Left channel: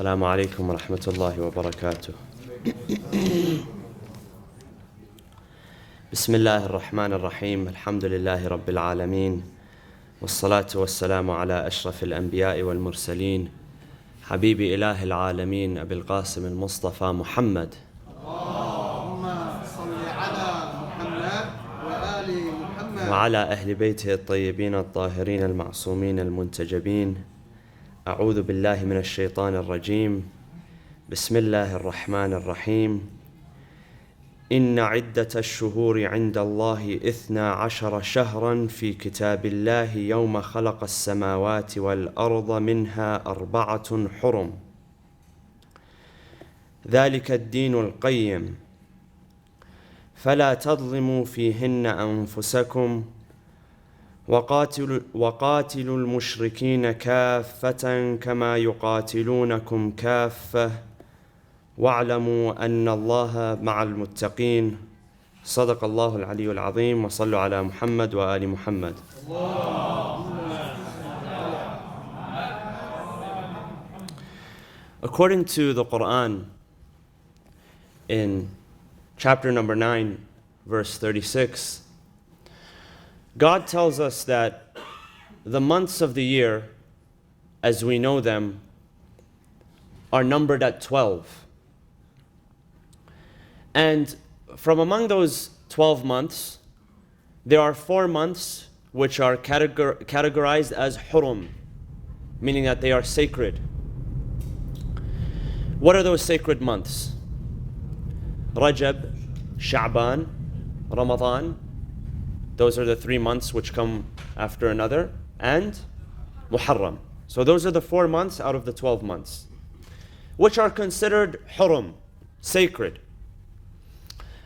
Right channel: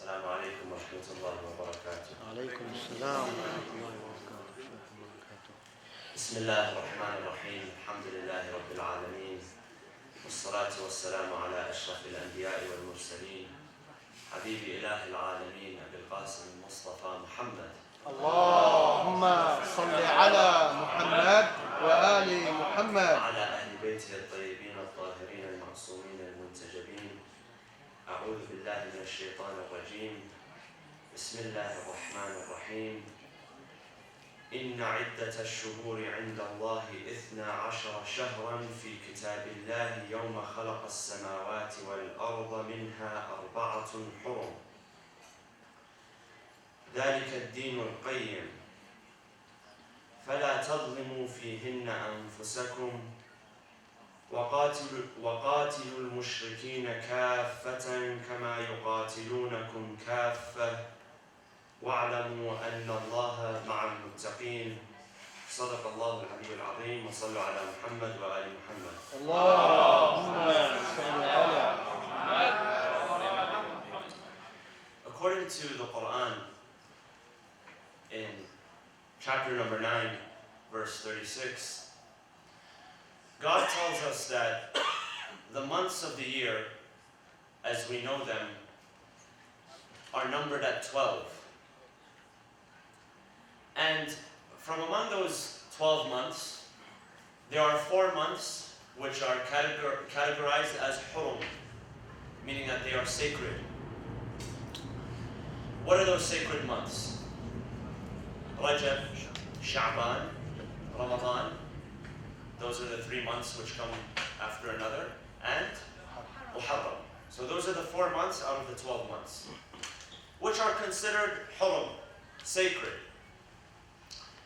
السلام عليكم ورحمة الله وبركاته. بسم الله الرحمن الرحيم. الحمد لله رب العالمين، والصلاة والسلام على أشرف الأنبياء والمرسلين، حبيب إله العالمين أبي القاسم المصطفى محمد. اللهم صل على محمد وآل محمد وعلى أهل بيته الطيبين الطاهرين المعصومين المنتجبين. أعوذ بالله من الشيطان الرجيم. بسم الله الرحمن الرحيم. إن عدة الشهور عند الله 12 شهرا في كتاب الله يوم خلق السماوات والأرض منها 4 حرم ذلك الدين القيم فلا تظلموا فيهن أنفسكم وقاتلوا المشركين كافة كما يقاتلونكم كافة واعلموا أن الله مع المتقين. صدق الله العلي العظيم. وصلوا على محمد وآل محمد. According to the Quran, in chapter number 9, verse 36, God tells us that the months of the year, as we know them, are numbered at 12. And from among those 12 months, there are 4 months which are categorized as hurum, meaning that they are sacred. What are those sacred months? Rajab, Sha'ban, Ramadan. Those are the 3 months which come after another, and Muharram. So those are the 4 months out of the 12 months, which are considered hurum, sacred.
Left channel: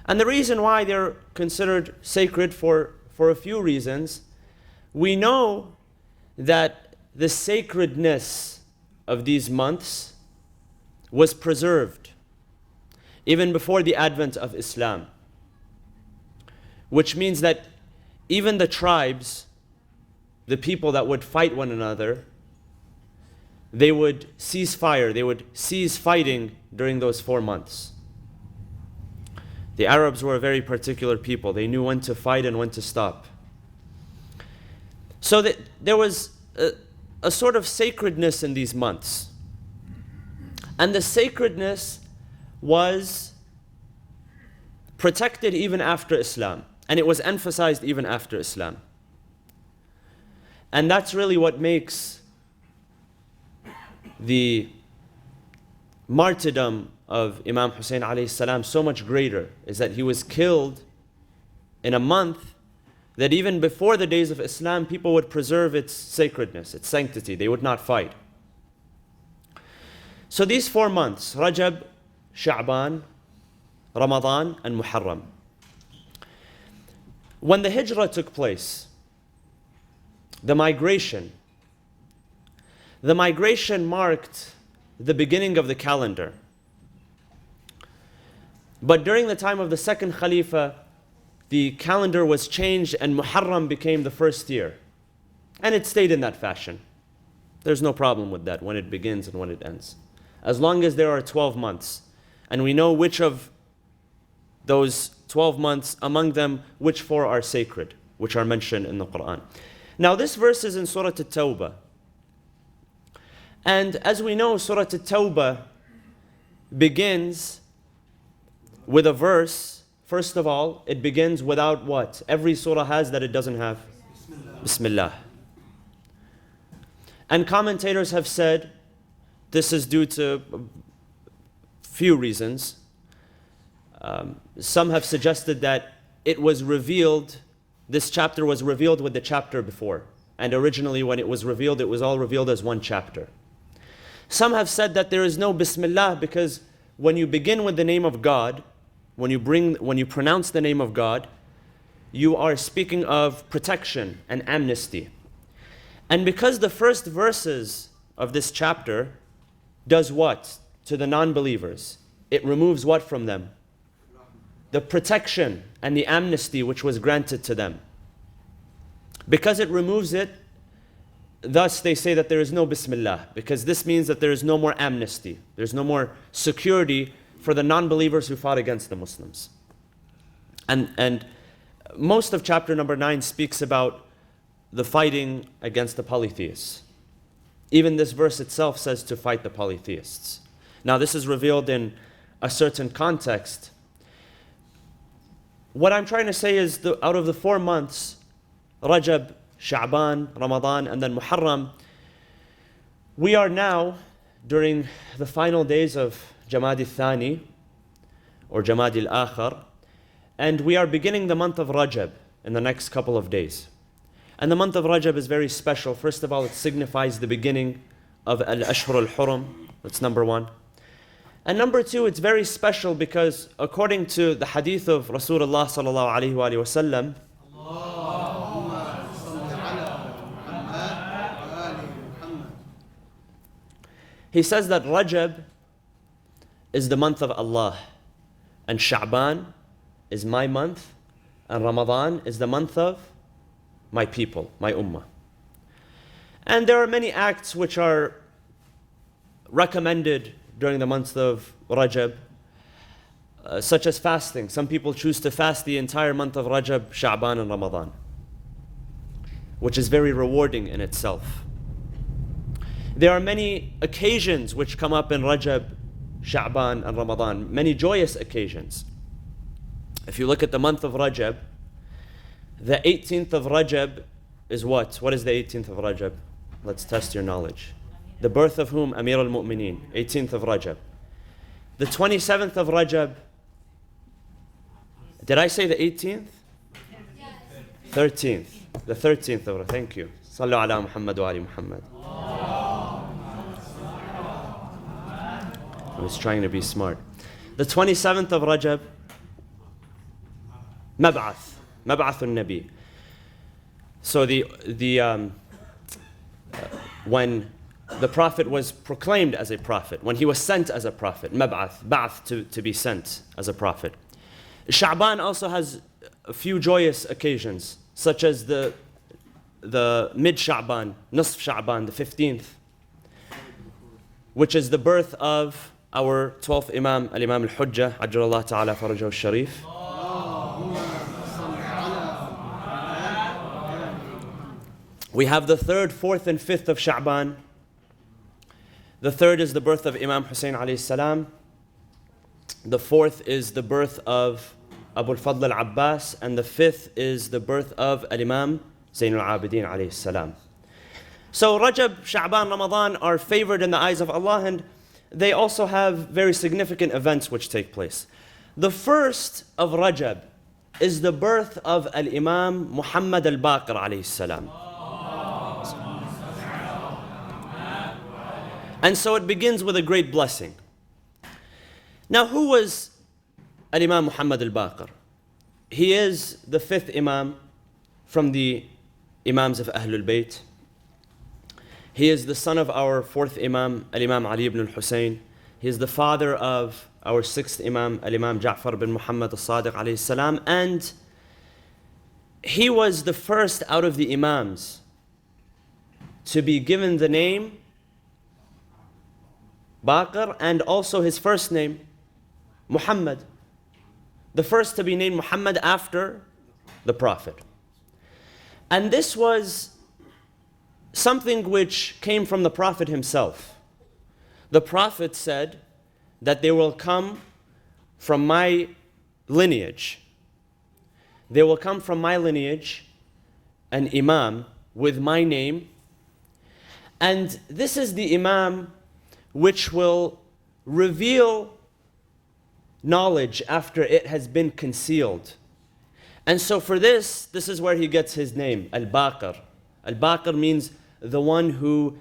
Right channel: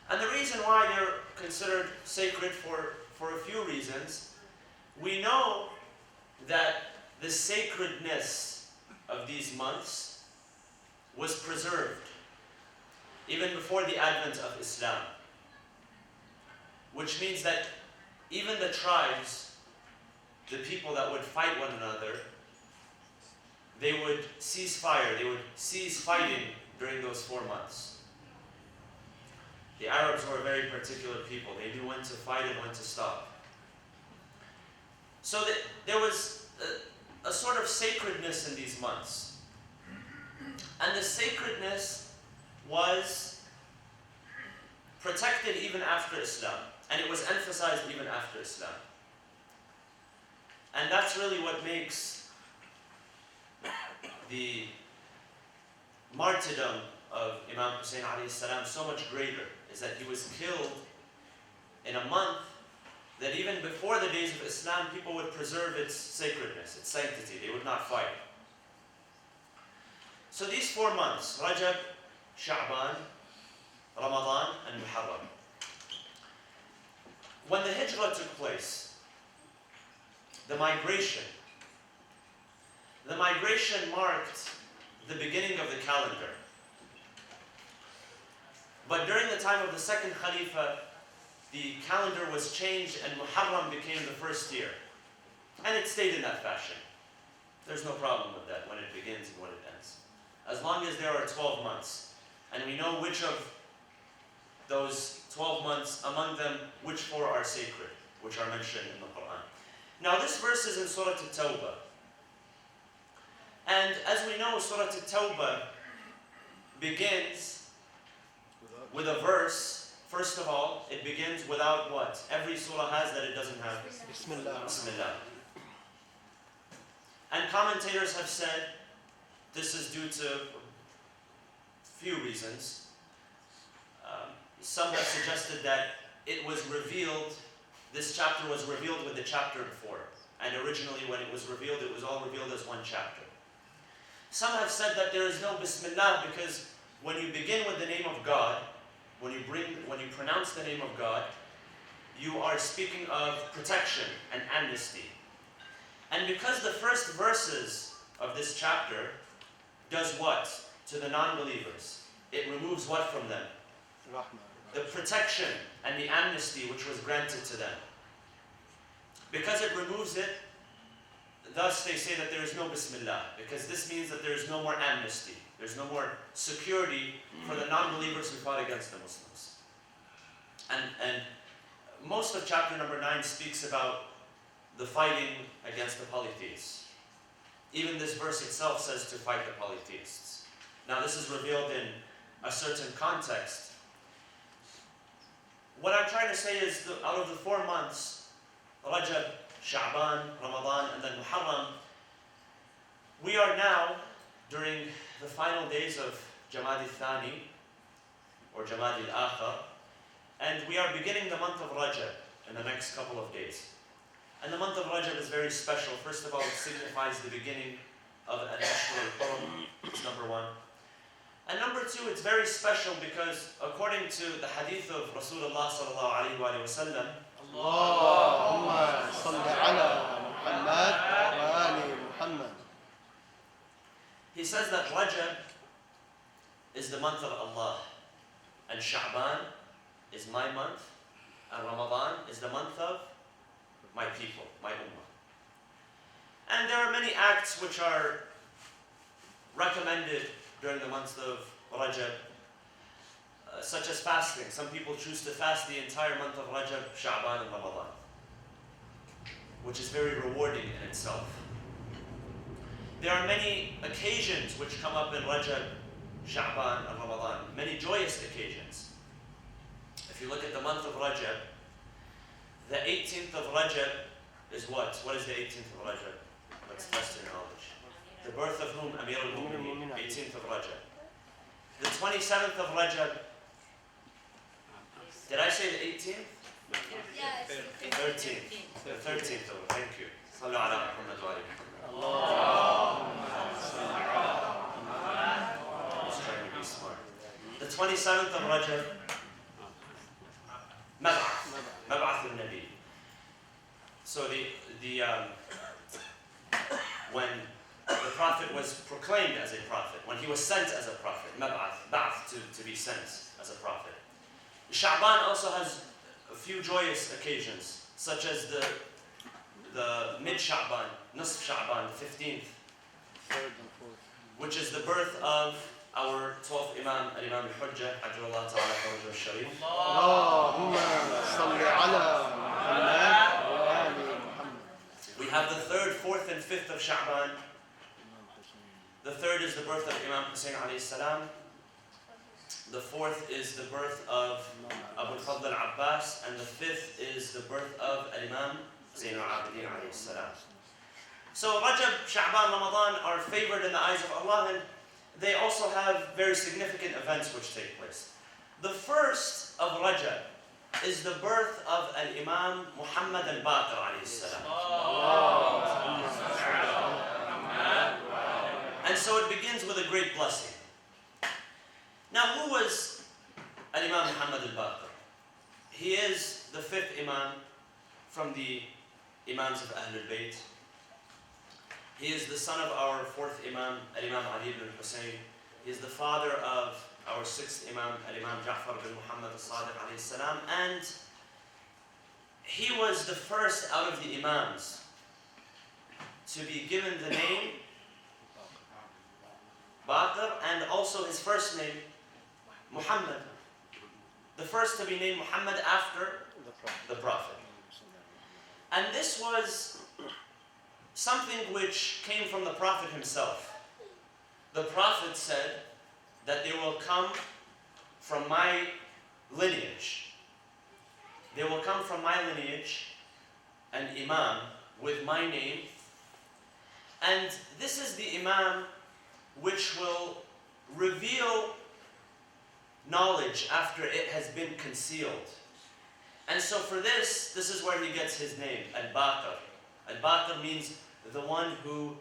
And the reason why they're considered sacred for a few reasons. We know that the sacredness of these months was preserved even before the advent of Islam, which means that even the tribes, the people that would fight one another, they would cease fire, they would cease fighting during those 4 months. The Arabs were a very particular people. They knew when to fight and when to stop. So that there was a sort of sacredness in these months. And the sacredness was protected even after Islam. And it was emphasized even after Islam. And that's really what makes the martyrdom of Imam Hussein alayhi salam so much greater, is that he was killed in a month that even before the days of Islam, people would preserve its sacredness, its sanctity. They would not fight. So these 4 months, Rajab, Sha'ban, Ramadan, and Muharram. When the hijrah took place, the migration marked the beginning of the calendar. But during the time of the second Khalifa, the calendar was changed and Muharram became the first year. And it stayed in that fashion. There's no problem with that, when it begins and when it ends. As long as there are 12 months. And we know which of those 12 months, among them, which 4 are sacred, which are mentioned in the Quran. Now this verse is in Surah At-Tawbah. And as we know, Surah At-Tawbah begins with a verse. First of all, it begins without what? Every surah has that it doesn't have. Bismillah. And commentators have said this is due to few reasons. Some have suggested that it was revealed, this chapter was revealed with the chapter before. And originally when it was revealed, it was all revealed as one chapter. Some have said that there is no Bismillah because when you begin with the name of God, when you pronounce the name of God, you are speaking of protection and amnesty. And because the first verses of this chapter does what to the non-believers? It removes what from them? The protection and the amnesty which was granted to them. Because it removes it, thus they say that there is no Bismillah, because this means that there is no more amnesty. There's no more security for the non-believers who fought against the Muslims. And most of chapter number 9 speaks about the fighting against the polytheists. Even this verse itself says to fight the polytheists. Now this is revealed in a certain context. What I'm trying to say is out of the 4 months, Rajab, Sha'ban, Ramadan, and then Muharram, we are now during the final days of Jamad al-Thani or Jamad al-Akhar, and we are beginning the month of Rajab in the next couple of days. And the month of Rajab is very special. First of all, it signifies the beginning of Al-Ashhur al-Hurum. That's number 1. And number 2, it's very special because according to the hadith of Rasulullah sallallahu alaihi wasallam, he says that Rajab is the month of Allah, and Sha'ban is my month, and Ramadan is the month of my people, my ummah. And there are many acts which are recommended during the month of Rajab, such as fasting. Some people choose to fast the entire month of Rajab, Sha'ban, and Ramadan, which is very rewarding in itself. There are many occasions which come up in Rajab, Sha'ban, and Ramadan, many joyous occasions. If you look at the month of Rajab, the 18th of Rajab is what? What is the 18th of Rajab? Let's test your knowledge. The birth of whom? Amir al-Mu'mineen, 18th of Rajab. The 27th of Rajab, did I say the 18th? 13th. The 13th of Rajab, thank you. Sallu ala Muhammad wa ali Muhammad. I was trying to be smart. The 27th of Rajab, Mab'ath al-Nabi. So when the Prophet was proclaimed as a prophet, when he was sent as a prophet, Ba'ath, to be sent as a prophet. Sha'ban also has a few joyous occasions, such as the mid-Sha'ban, Nisf Sha'ban, the 15th, which is the birth of our 12th Imam, Al-Imam Al-Hujjah, Ajjalallahu Ta'ala Farajahu Al-Sharif. We have the 3rd, 4th, and 5th of Sha'ban. The 3rd is the birth of Imam Hussein alayhi salam. The 4th is the birth of Abu al-Fadl al-Abbas. And the 5th is the birth of Al-Imam Zayn al-Abidin alayhi salam. So Rajab, Sha'ban, Ramadan are favored in the eyes of Allah, and they also have very significant events which take place. The first of Rajab is the birth of Al-Imam Muhammad Al-Baqir alayhi salam. And so it begins with a great blessing. Now, who was Al-Imam Muhammad Al-Baqir? He is the 5th Imam from the Imams of Ahlul Bayt. He is the son of our 4th Imam, Al-Imam Ali ibn al-Husayn. He is the father of our 6th Imam, Al-Imam Ja'far bin Muhammad al-Sadiq alayhi salam. And he was the first out of the Imams to be given the name Baqir, and also his first name, Muhammad. The first to be named Muhammad after the Prophet. And this was something which came from the Prophet himself. The Prophet said that they will come from my lineage. They will come from my lineage, an Imam with my name. And this is the Imam which will reveal knowledge after it has been concealed. And so for this is where he gets his name, Al-Baqir. Al-Baqir means the one who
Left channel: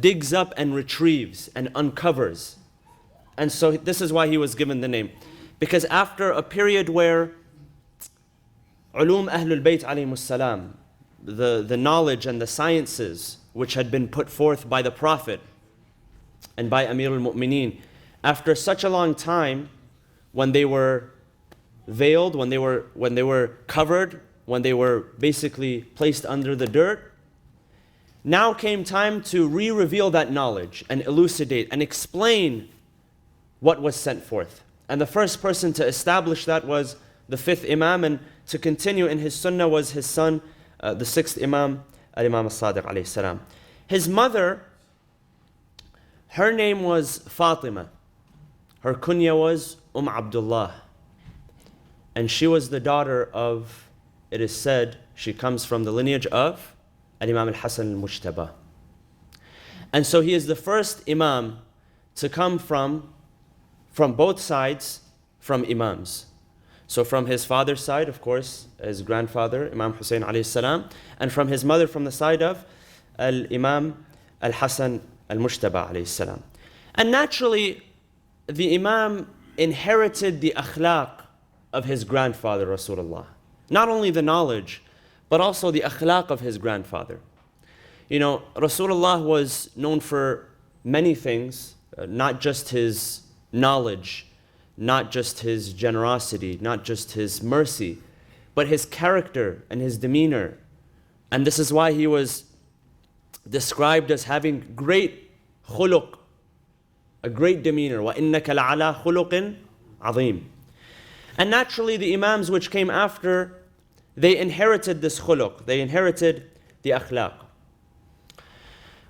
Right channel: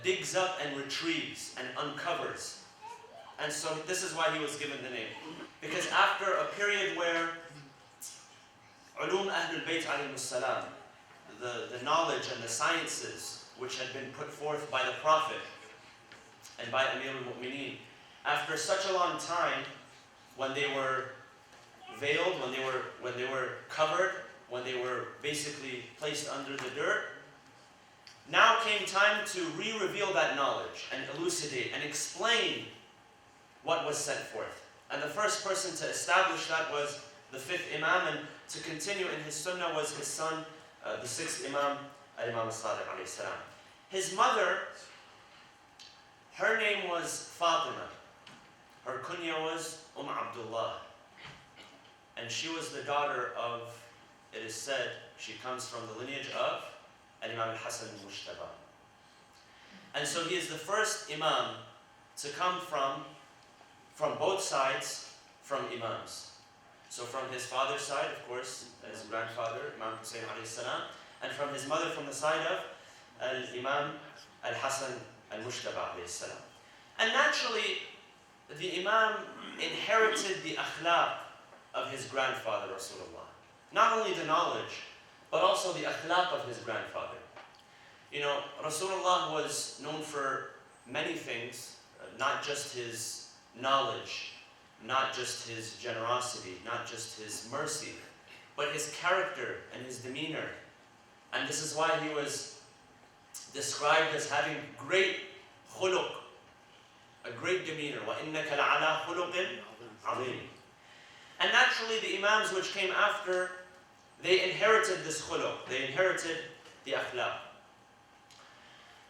digs up and retrieves and uncovers. And so this is why he was given the name. Because after a period where Ulum Ahlul Bayt alayhimus salam, the knowledge and the sciences which had been put forth by the Prophet and by Amir al-Mu'mineen, after such a long time, when they were veiled, when they were covered, when they were basically placed under the dirt, now came time to re-reveal that knowledge and elucidate and explain what was sent forth. And the first person to establish that was the fifth Imam, and to continue in his sunnah was his son, the sixth Imam, Al-Imam As-Sadiq alayhi salam. His mother, her name was Fatima. Her kunya was Abdullah. And she was the daughter of, it is said, she comes from the lineage of Al-Imam Al-Hasan Al-Mujtaba. And so he is the first Imam to come from both sides, from Imams. So from his father's side, of course, his grandfather, Imam Hussein alayhi salam, and from his mother from the side of Al-Imam Al-Hasan Al-Mujtaba alayhi salam. And naturally, the Imam inherited the akhlaq of his grandfather, Rasulullah. Not only the knowledge, but also the akhlaq of his grandfather. You know, Rasulullah was known for many things, not just his knowledge, not just his generosity, not just his mercy, but his character and his demeanor. And this is why he was described as having great khuluq, a great demeanor. وَإِنَّكَ لَعَلَى خُلُقٍ عَظِيمٍ. And naturally the Imams which came after, they inherited this khuluq, they inherited the akhlaq.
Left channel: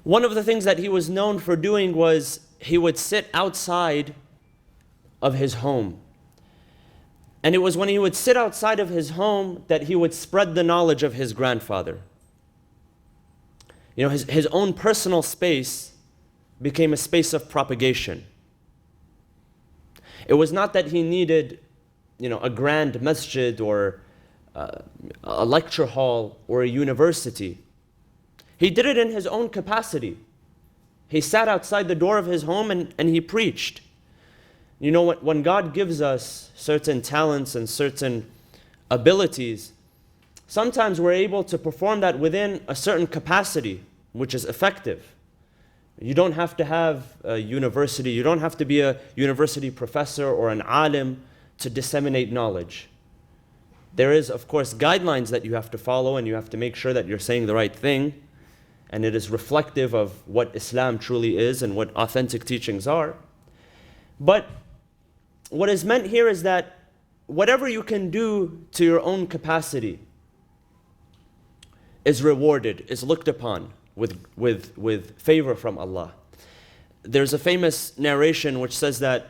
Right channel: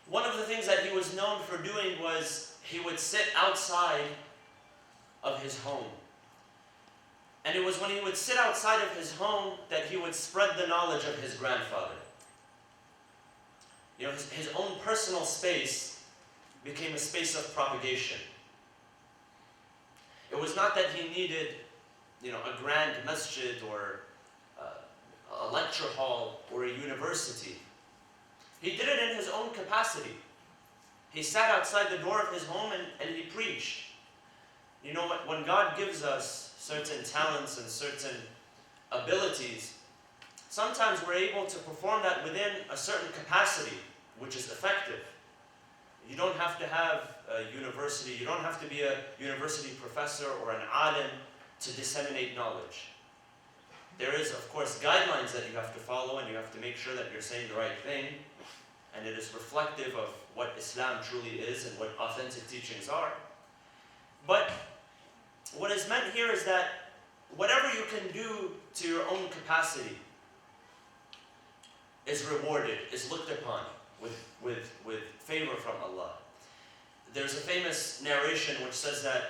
One of the things that he was known for doing was he would sit outside of his home. And it was when he would sit outside of his home that he would spread the knowledge of his grandfather. You know, his own personal space became a space of propagation. It was not that he needed, you know, a grand masjid or a lecture hall or a university. He did it in his own capacity. He sat outside the door of his home and he preached. You know, when God gives us certain talents and certain abilities, sometimes we're able to perform that within a certain capacity, which is effective. You don't have to have a university, you don't have to be a university professor or an alim to disseminate knowledge. There is, of course, guidelines that you have to follow, and you have to make sure that you're saying the right thing, and it is reflective of what Islam truly is and what authentic teachings are. But what is meant here is that whatever you can do to your own capacity is rewarded, is looked upon with favor from Allah. There's a famous narration which says that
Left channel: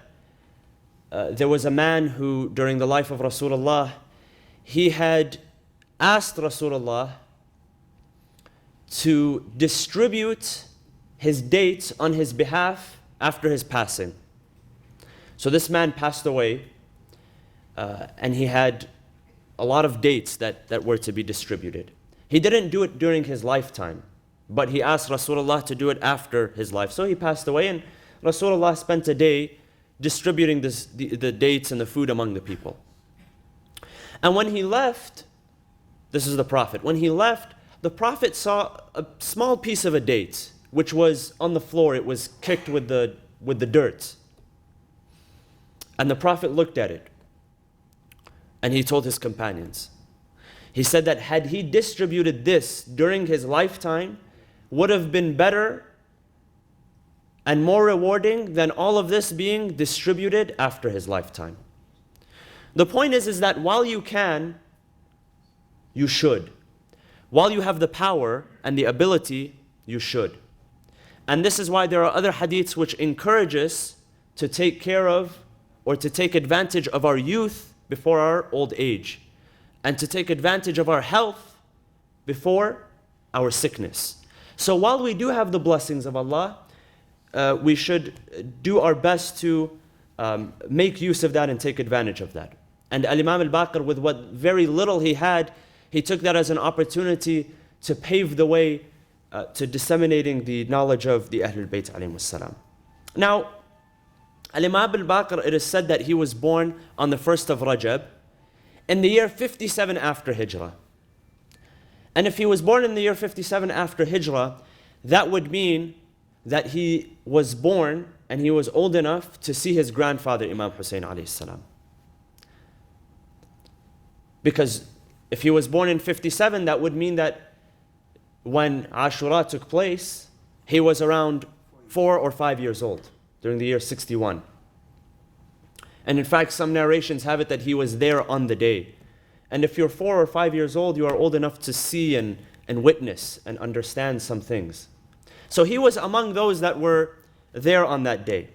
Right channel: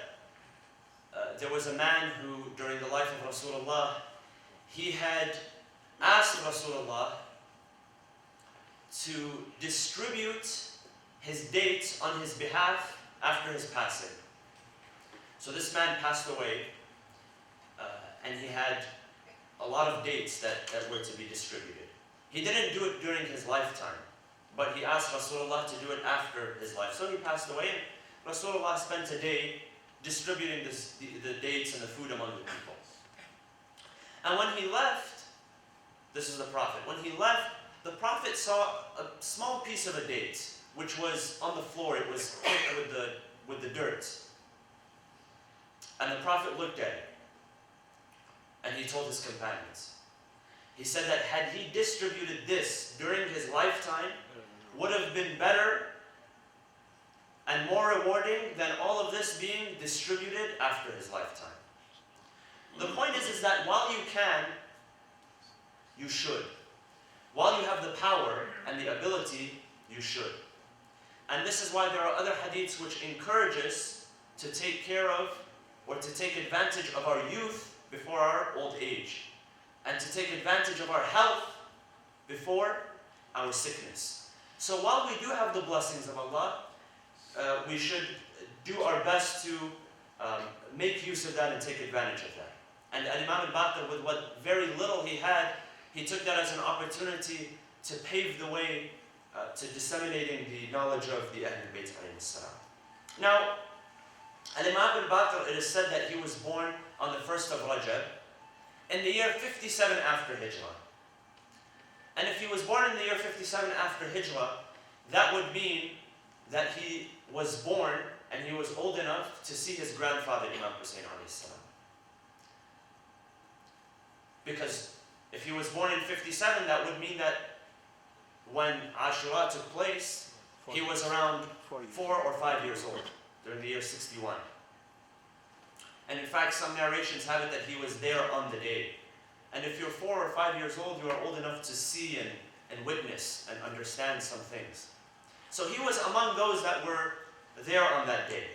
there was a man who, during the life of Rasulullah, he had asked Rasulullah to distribute his dates on his behalf after his passing. So this man passed away, and he had a lot of dates that were to be distributed. He didn't do it during his lifetime, but he asked Rasulullah to do it after his life. So he passed away, and Rasulullah spent a day distributing the dates and the food among the people. And when he left, this is the Prophet, when he left, the Prophet saw a small piece of a date, which was on the floor. It was kicked with the dirt. And the Prophet looked at it, and he told his companions. He said that had he distributed this during his lifetime, would have been better and more rewarding than all of this being distributed after his lifetime. The point is that while you can, you should. While you have the power and the ability, you should. And this is why there are other hadiths which encourage us to take care of or to take advantage of our youth before our old age, and to take advantage of our health before our sickness. So while we do have the blessings of Allah, we should do our best to make use of that and take advantage of that. And Al-Imam Al-Baqir, with what very little he had, he took that as an opportunity to pave the way to disseminating the knowledge of the Ahlul Bayt alayhim as-salam. Now, Al-Imam Al-Baqir, it is said that he was born on the 1st of Rajab in the year 57 after Hijrah. And if he was born in the year 57 after Hijrah, that would mean that he was born and he was old enough to see his grandfather, Imam Hussein alayhi salam. Because if he was born in 57, that would mean that when Ashura took place, he was around 4 or 5 years old during the year 61. And in fact, some narrations have it that he was there on the day. And if you're 4 or 5 years old, you are old enough to see and witness and understand some things. So he was among those that were there on that day.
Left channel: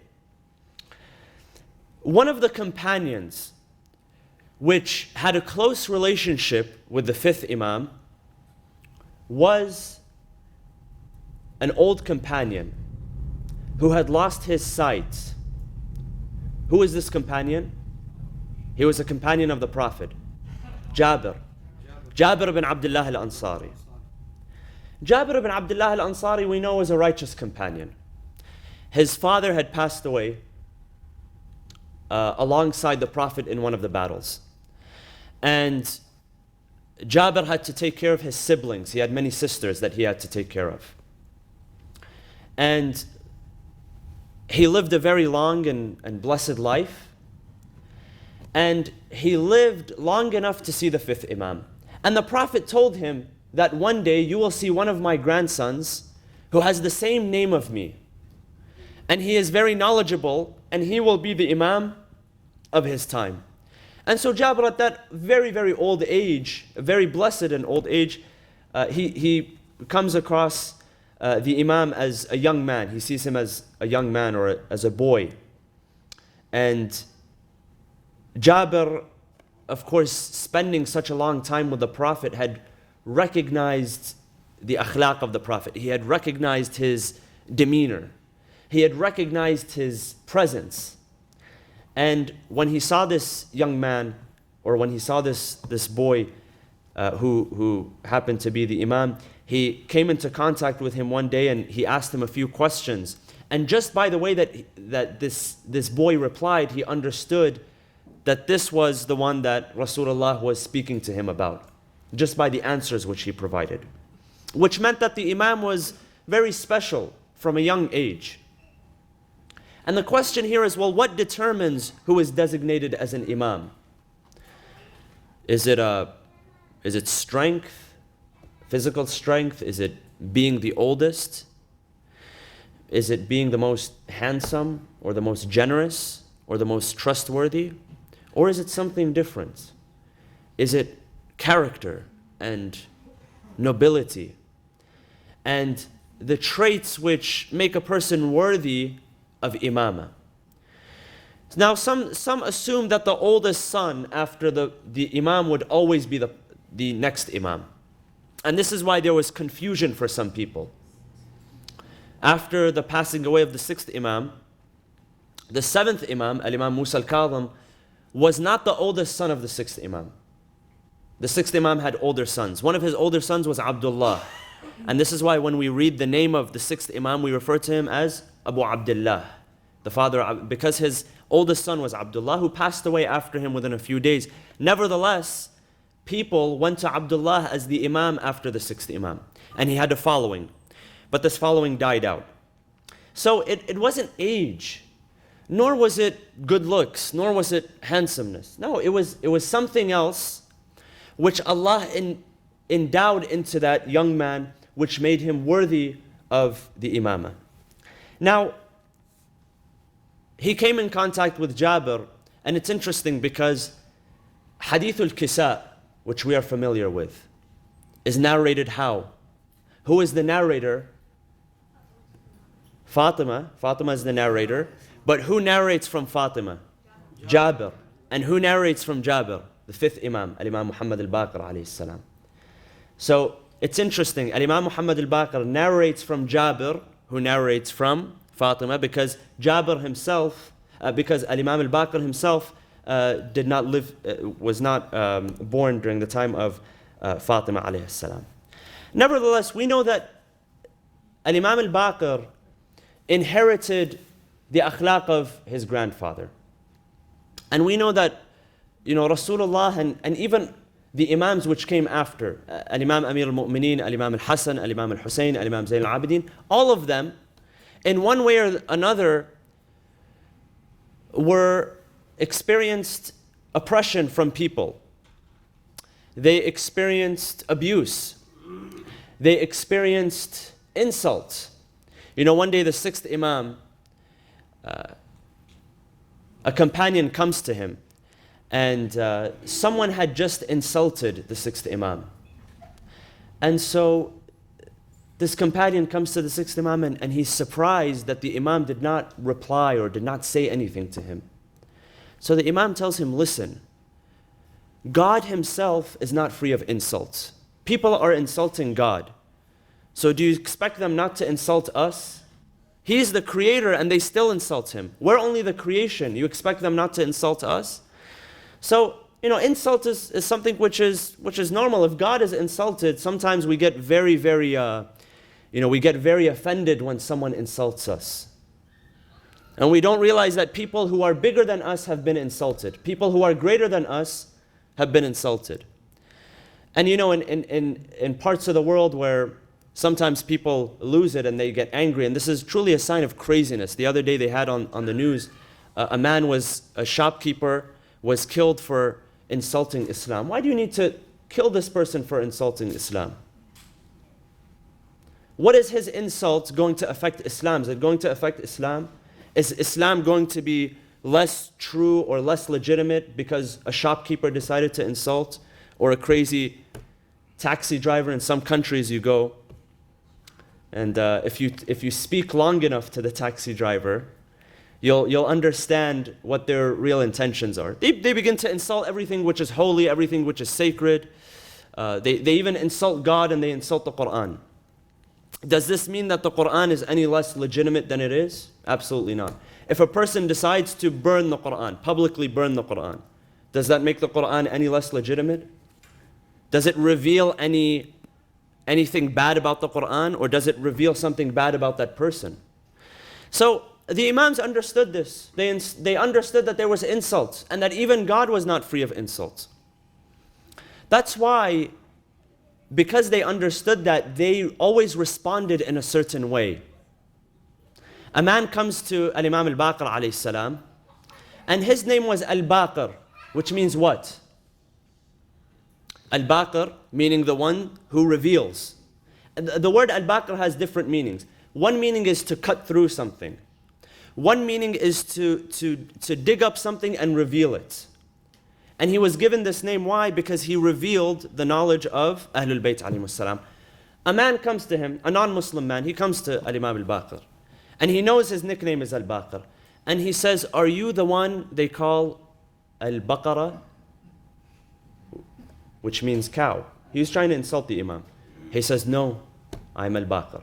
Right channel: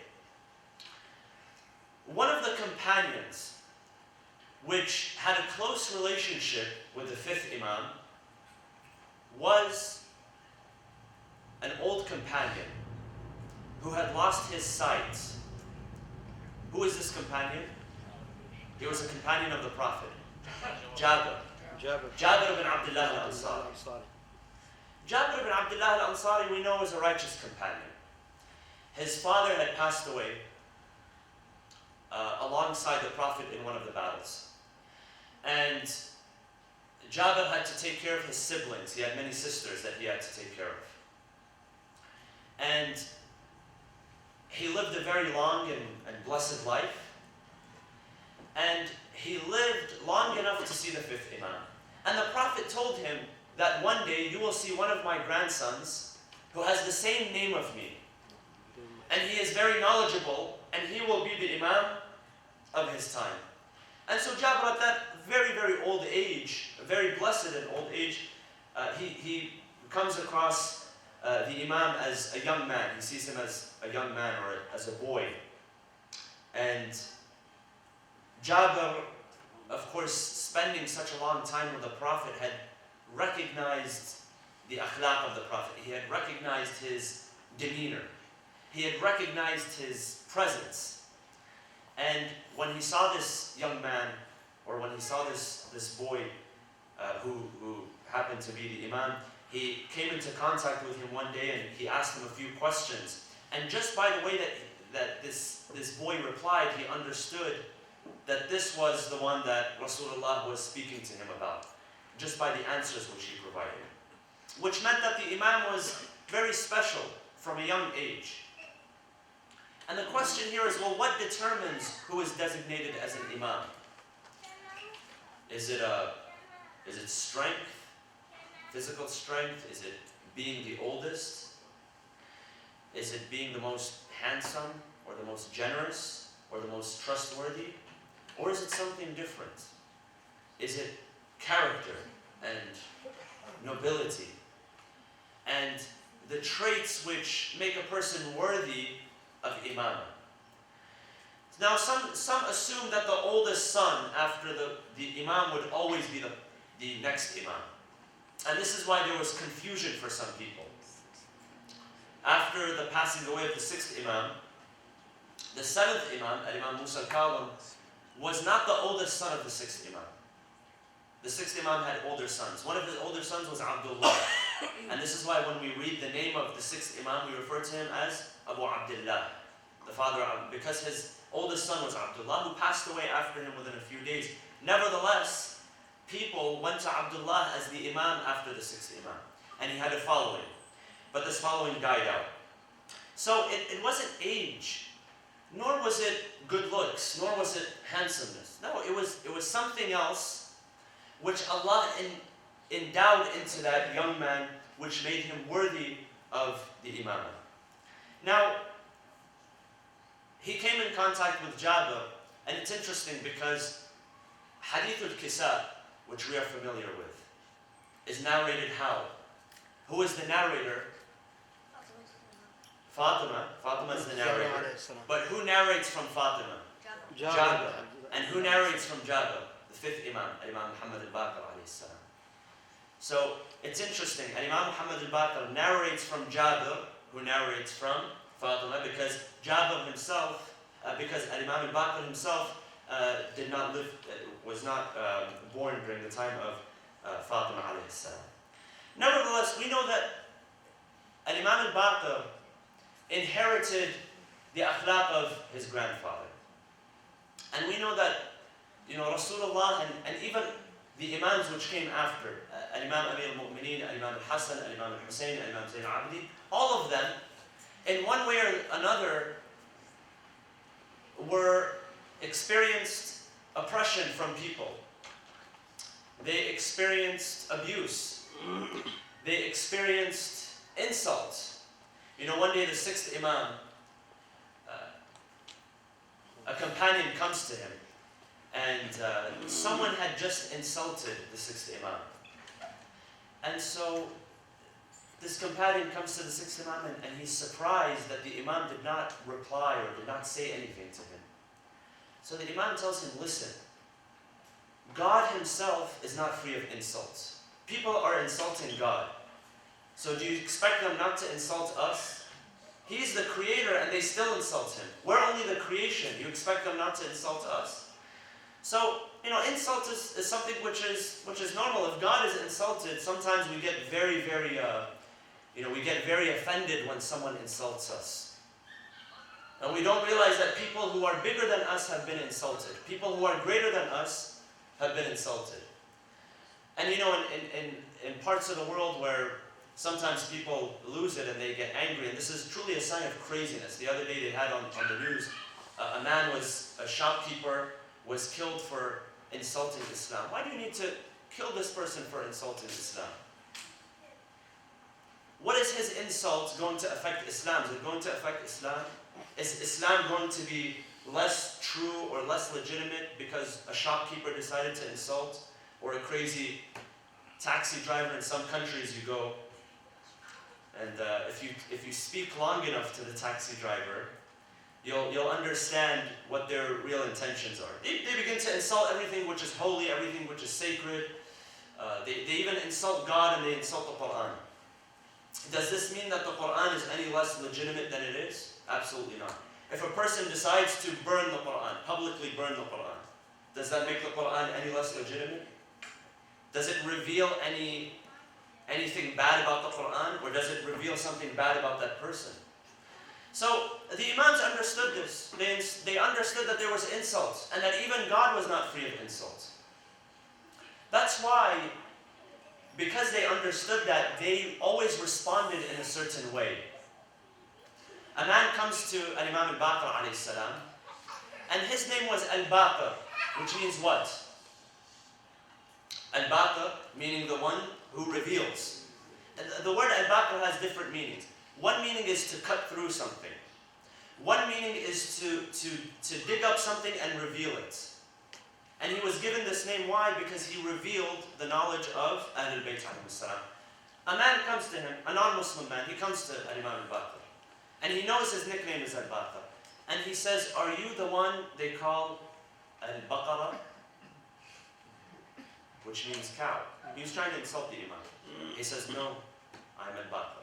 One of the companions which had a close relationship with the fifth Imam was an old companion who had lost his sight. Who is this companion? He was a companion of the Prophet, Jabir ibn Abdullah al-Ansari. Jabir ibn Abdullah al-Ansari, we know, was a righteous companion. His father had passed away alongside the Prophet in one of the battles. And Jabir had to take care of his siblings. He had many sisters that he had to take care of. And he lived a very long and blessed life. And he lived long enough to see the fifth Imam. And the Prophet told him that one day you will see one of my grandsons who has the same name of me. And he is very knowledgeable, and he will be the Imam of his time. And so Jabir, at that very, very old age, very blessed and old age, he comes across the Imam as a young man. He sees him as a young man or as a boy. And Jabir, of course, spending such a long time with the Prophet, had recognized the akhlaq of the Prophet. He had recognized his demeanor. He had recognized his presence. And when he saw this young man, or when he saw this boy who happened to be the Imam, he came into contact with him one day and he asked him a few questions. And just by the way that this boy replied, he understood that this was the one that Rasulullah was speaking to him about, just by the answers which he provided. Which meant that the Imam was very special from a young age. And the question here is, well, what determines who is designated as an Imam? Is it strength, physical strength? Is it being the oldest? Is it being the most handsome or the most generous or the most trustworthy? Or is it something different? Is it character and nobility and the traits which make a person worthy of imamah? Now some assume that the oldest son after the imam would always be the next imam. And this is why there was confusion for some people. After the passing away of the sixth imam, the seventh imam, Al-Imam Musa al-Kadhim, was not the oldest son of the sixth imam. The sixth imam had older sons. One of his older sons was Abdullah. And this is why when we read the name of the sixth imam, we refer to him as Abu Abdullah, the father, because his oldest son was Abdullah, who passed away after him within a few days. Nevertheless, people went to Abdullah as the imam after the sixth imam. And he had a following. But this following died out. So it wasn't age, nor was it good looks, nor was it handsomeness. No, it was something else which Allah endowed into that young man, which made him worthy of the imamah. Now, he came in contact with Jabir, and it's interesting because Hadith al-Kisa, which we are familiar with, is narrated how? Who is the narrator? Fatima. Fatima is the narrator. But who narrates from Fatima? Jabir. And who narrates from Jabir? The fifth Imam, Al-Imam Muhammad Al-Baqir alayhi salam. So it's interesting. Al-Imam Muhammad Al-Baqir narrates from Jabir, who narrates from Fatima, because Jabir himself, because Al-Imam Al-Baqir himself did not live, was not born during the time of Fatima alayhi salam. Nevertheless, we know that Al-Imam Al-Baqir inherited the akhlaq of his grandfather. And we know that, Rasulullah and even the Imams which came after, Al-Imam Amir al-Mu'mineen, Al-Imam al-Hasan, Al-Imam al-Hussein, Al-Imam Zayn al-Abidin, all of them, in one way or another, experienced oppression from people. They experienced abuse. they experienced insult. You know, one day the sixth Imam, a companion comes to him, and someone had just insulted the sixth Imam. And so this companion comes to the sixth Imam, and he's surprised that the Imam did not reply or did not say anything to him. So the Imam tells him, listen, God himself is not free of insults. People are insulting God. So do you expect them not to insult us? He's the creator and they still insult him. We're only the creation. You expect them not to insult us? So, you know, insult is something which is normal. If God is insulted, sometimes we get very offended when someone insults us. And we don't realize that people who are bigger than us have been insulted. People who are greater than us have been insulted. And you know, in parts of the world where sometimes people lose it and they get angry, and this is truly a sign of craziness. The other day they had on the news, a shopkeeper was killed for insulting Islam. Why do you need to kill this person for insulting Islam? What is his insult going to affect Islam? Is it going to affect Islam? Is Islam going to be less true or less legitimate because a shopkeeper decided to insult, or a crazy taxi driver? In some countries you go, and if you speak long enough to the taxi driver, you'll understand what their real intentions are. They begin to insult everything which is holy, everything which is sacred. They even insult God and they insult the Quran. Does this mean that the Quran is any less legitimate than it is? Absolutely not. If a person decides to burn the Quran, publicly burn the Quran, does that make the Quran any less legitimate? Does it reveal anything bad about the Quran, or does it reveal something bad about that person? So the Imams understood this. They understood that there was insult, and that even God was not free of insults. That's why, because they understood that, they always responded in a certain way. A man comes to Al-Imam Al-Baqir alayhi salam, and his name was Al-Baqir, which means what? Al-Baqir, meaning the one who reveals. The word Al-Baqir has different meanings. One meaning is to cut through something. One meaning is to dig up something and reveal it. And he was given this name, why? Because he revealed the knowledge of Ahlul Bayt alayhimus salam. A man comes to him, a non-Muslim man, he comes to Al-Imam Al-Baqir. And he knows his nickname is Al-Baqir. And he says, are you the one they call Al-Baqara? Which means cow. He's trying to insult the Imam. He says, no, I'm Al-Baqir.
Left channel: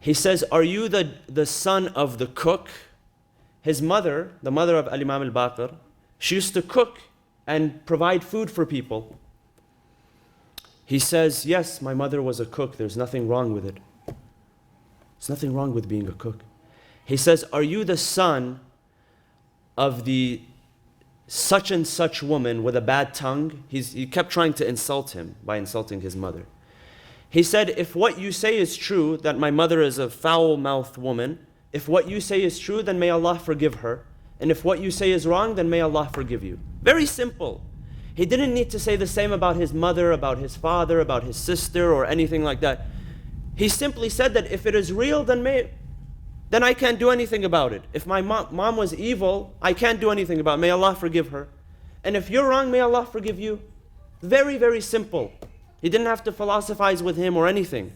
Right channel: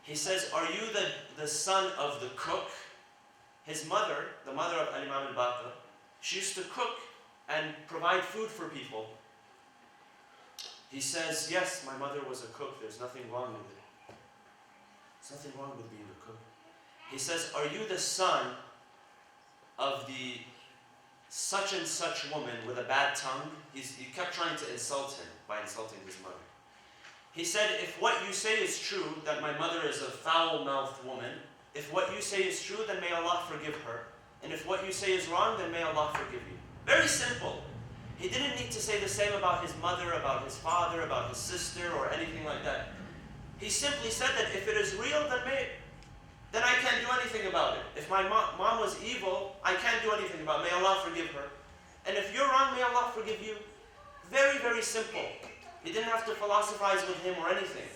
He says, are you the son of the cook? His mother, the mother of Al-Imam Al-Baqir, she used to cook and provide food for people. He says, yes, my mother was a cook. There's nothing wrong with it. There's nothing wrong with being a cook. He says, are you the son of the such and such woman with a bad tongue? He kept trying to insult him by insulting his mother. He said, if what you say is true, that my mother is a foul-mouthed woman, if what you say is true, then may Allah forgive her. And if what you say is wrong, then may Allah forgive you. Very simple. He didn't need to say the same about his mother, about his father, about his sister, or anything like that. He simply said that if it is real, then I can't do anything about it. If my mom was evil, I can't do anything about it. May Allah forgive her. And if you're wrong, may Allah forgive you. Very, very simple. He didn't have to philosophize with him or anything.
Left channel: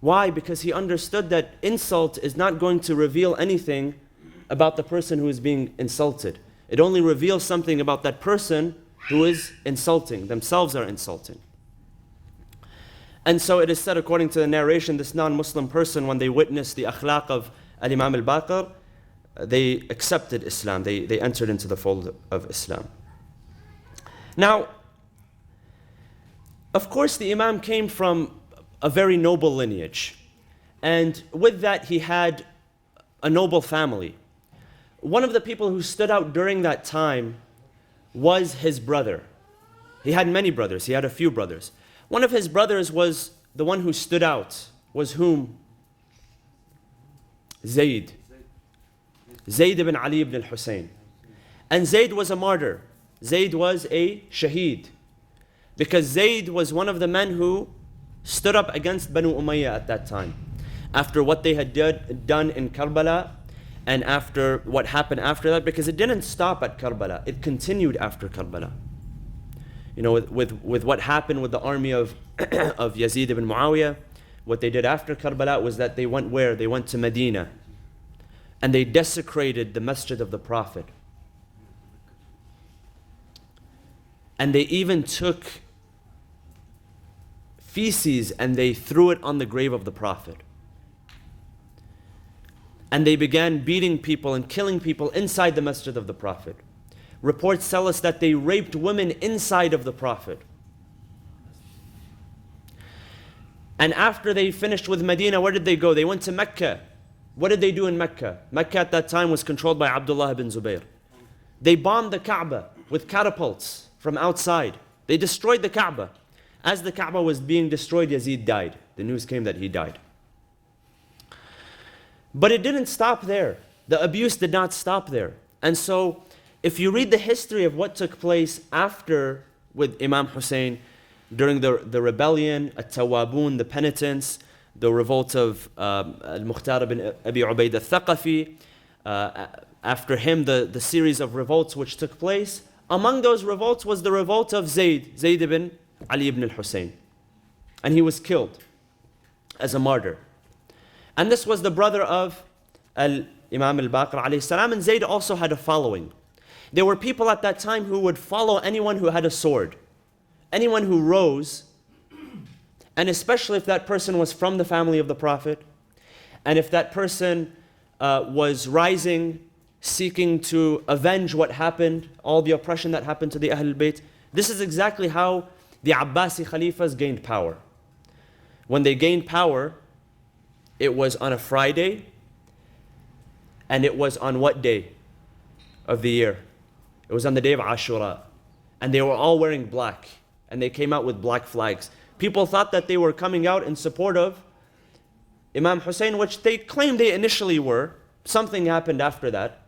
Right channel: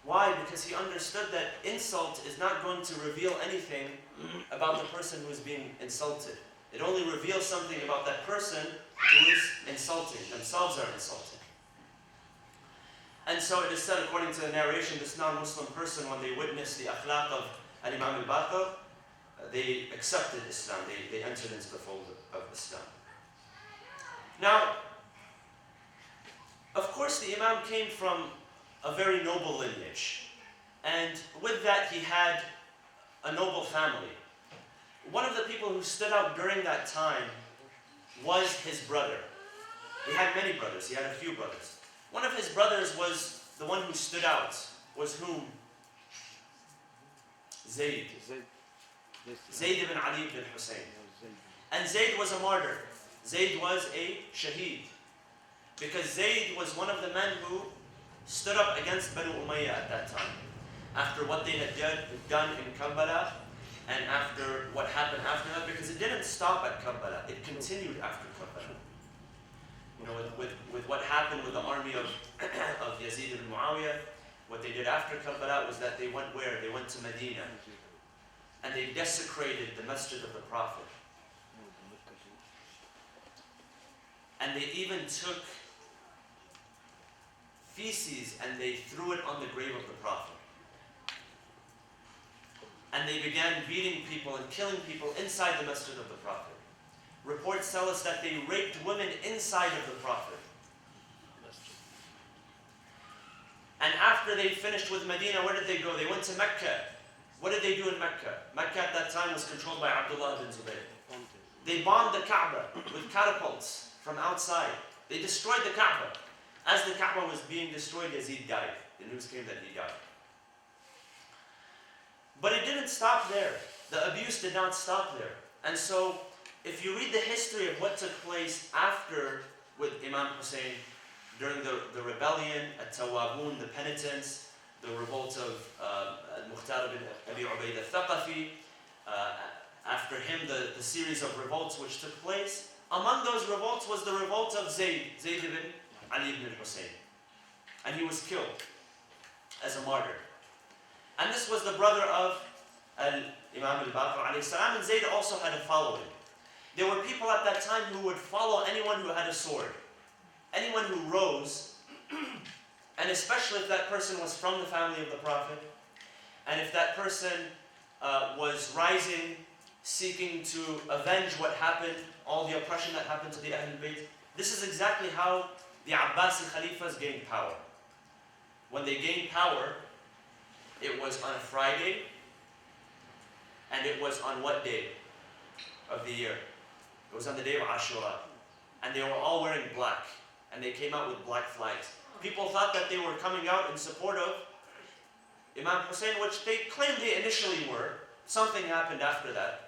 Why? Because he understood that insult is not going to reveal anything about the person who is being insulted. It only reveals something about that person who is insulting. Themselves are insulting. And so it is said, according to the narration, this non-Muslim person, when they witnessed the akhlaq of Al-Imam Al-Baqir, they accepted Islam. They entered into the fold of Islam. Now, of course, the Imam came from a very noble lineage. And with that, he had a noble family. One of the people who stood out during that time was his brother. He had many brothers. He had a few brothers. One of his brothers was the one who stood out. Was whom? Zayd. Zayd ibn Ali ibn al-Hussein. And Zayd was a martyr. Zayd was a shaheed. Because Zayd was one of the men who stood up against Banu Umayyah at that time. After what they had done in Karbala, and after what happened after that, because it didn't stop at Karbala, it continued after Karbala. You know, with what happened with the army of of Yazid ibn Muawiyah, what they did after Karbala was that they went where? They went to Medina, and they desecrated the masjid of the Prophet. And they even took feces and they threw it on the grave of the Prophet. And they began beating people and killing people inside the masjid of the Prophet. Reports tell us that they raped women inside of the Prophet. And after they finished with Medina, where did they go? They went to Mecca. What did they do in Mecca? Mecca at that time was controlled by Abdullah ibn Zubayr. They bombed the Kaaba with catapults from outside. They destroyed the Kaaba. As the Kaaba was being destroyed, Yazid died. The news came that he died. But it didn't stop there. The abuse did not stop there. And so, if you read the history of what took place after with Imam Hussein, during the rebellion, At-Tawabun, the penitents, the revolt of Al-Mukhtar ibn Abi Ubaid al-Thaqafi, after him the series of revolts which took place, among those revolts was the revolt of Zayd ibn Ali ibn al-Hussein. And he was killed as a martyr. And this was the brother of Imam Al-Baqir alayhi salam, and Zayd also had a following. There were people at that time who would follow anyone who had a sword, anyone who rose, and especially if that person was from the family of the Prophet, and if that person was rising, seeking to avenge what happened, all the oppression that happened to the Ahlul Bayt. This is exactly how the Abbasi Khalifas gained power. When they gained power, it was on a Friday, and it was on what day of the year? It was on the day of Ashura. And they were all wearing black, and they came out with black flags. People thought that they were coming out in support of Imam Hussein, which they claimed they initially were. Something happened after that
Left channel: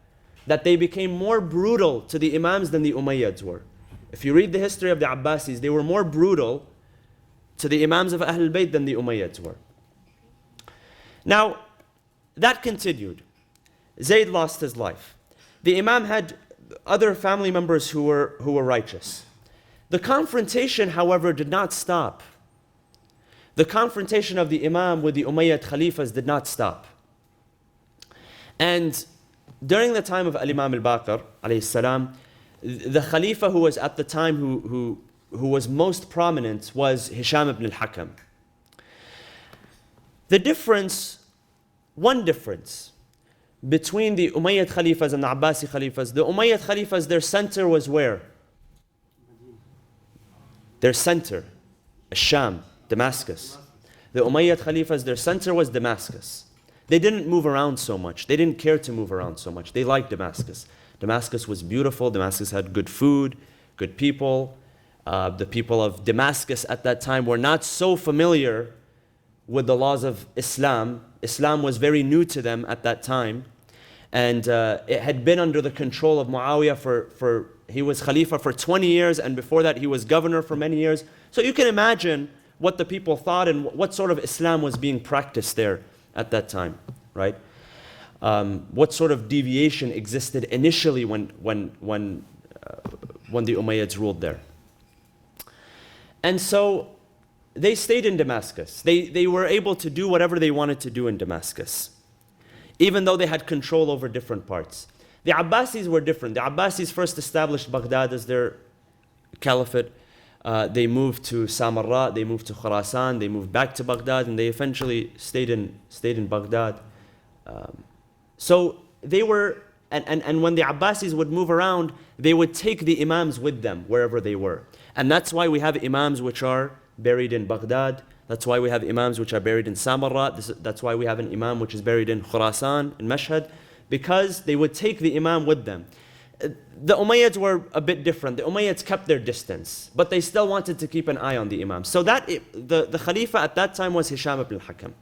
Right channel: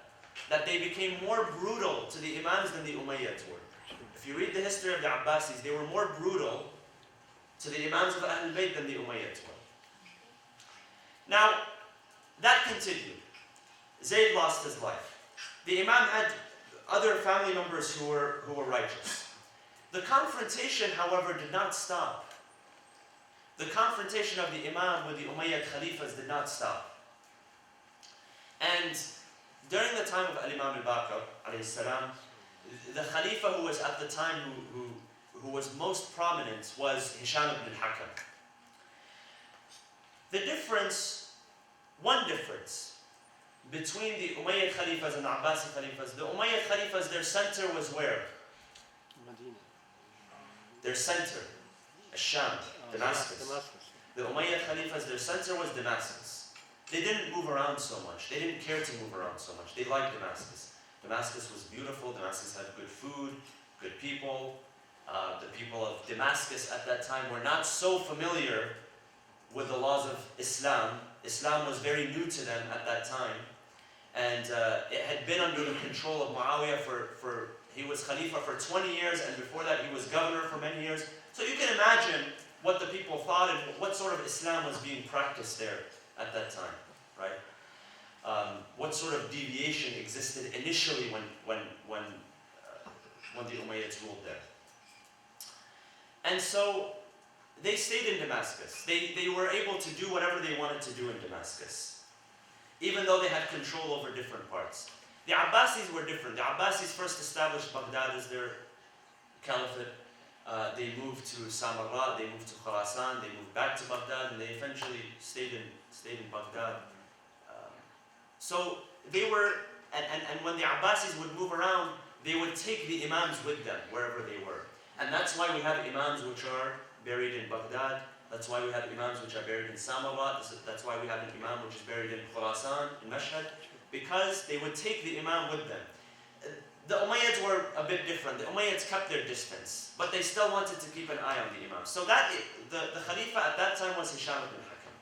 they became more brutal to the Imams than the Umayyads were. If you read the history of the Abbasis, they were more brutal to the Imams of Ahlul Bayt than the Umayyads were. Now, that continued. Zayd lost his life. The Imam had other family members who were righteous. The confrontation, however, did not stop. The confrontation of the Imam with the Umayyad Khalifas did not stop. And during the time of Al-Imam Al-Baqir, alayhi salam, the Khalifa who was at the time who was most prominent was Hisham ibn al-Hakam. One difference between the Umayyad Khalifas and the Abbasi Khalifas, the Umayyad Khalifas, their center was where? Their center, Sham, Damascus. The Umayyad Khalifas, their center was Damascus. They didn't move around so much. They didn't care to move around so much. They liked Damascus. Damascus was beautiful. Damascus had good food, good people. The people of Damascus at that time were not so familiar with the laws of Islam. Islam was very new to them at that time. And it had been under the control of Muawiyah he was Khalifa for 20 years, and before that he was governor for many years. So you can imagine what the people thought and what sort of Islam was being practiced there at that time, right? What sort of deviation existed initially when the Umayyads ruled there. And so they stayed in Damascus. They were able to do whatever they wanted to do in Damascus, even though they had control over different parts. The Abbasis were different. The Abbasis first established Baghdad as their caliphate. They moved to Samarra, they moved to Khurasan, they moved back to Baghdad, and they eventually stayed in Baghdad. So they were, and when the Abbasis would move around, they would take the Imams with them wherever they were. And that's why we have Imams which are buried in Baghdad. That's why we have Imams which are buried in Samarra. That's why we have an Imam which is buried in Khurasan, in Mashhad, because they would take the Imam with them. The Umayyads were a bit different. The Umayyads kept their distance, but they still wanted to keep an eye on the Imam. So the Khalifa at that time was Hisham ibn al-Hakam.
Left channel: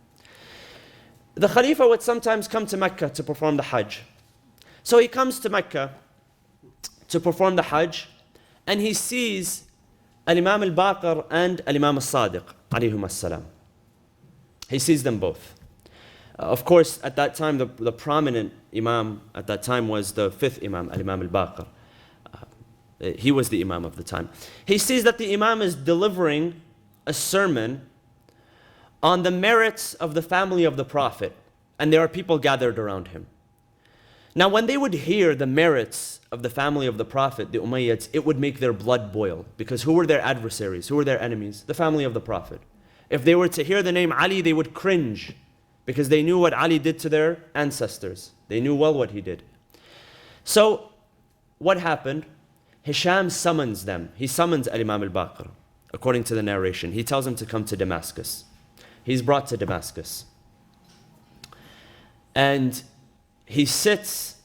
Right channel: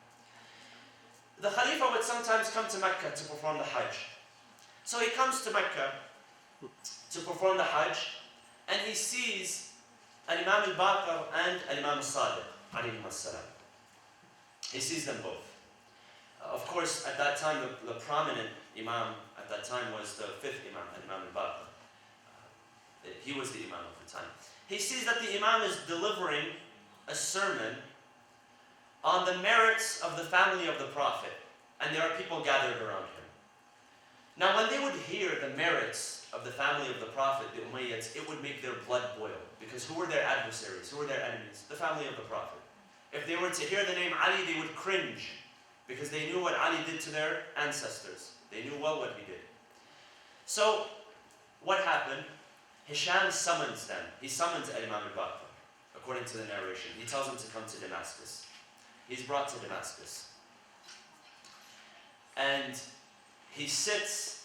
The Khalifa would sometimes come to Mecca to perform the Hajj. So he comes to Mecca to perform the Hajj, and he sees Al-Imam Al-Baqir and Al-Imam Al-Sadiq. alayhim as-salam. He sees them both. Of course, at that time, the prominent Imam at that time was the fifth Imam, Al-Imam Al-Baqir. He was the Imam of the time. He sees that the Imam is delivering a sermon on the merits of the family of the Prophet, and there are people gathered around him. Now, when they would hear the merits of the family of the Prophet, the Umayyads, it would make their blood boil, because who were their adversaries? Who were their enemies? The family of the Prophet. If they were to hear the name Ali, they would cringe, because they knew what Ali did to their ancestors. They knew well what he did. So, what happened? Hisham summons them. He summons Al-Imam Al-Baqir, according to the narration. He tells him to come to Damascus. He's brought to Damascus. And he sits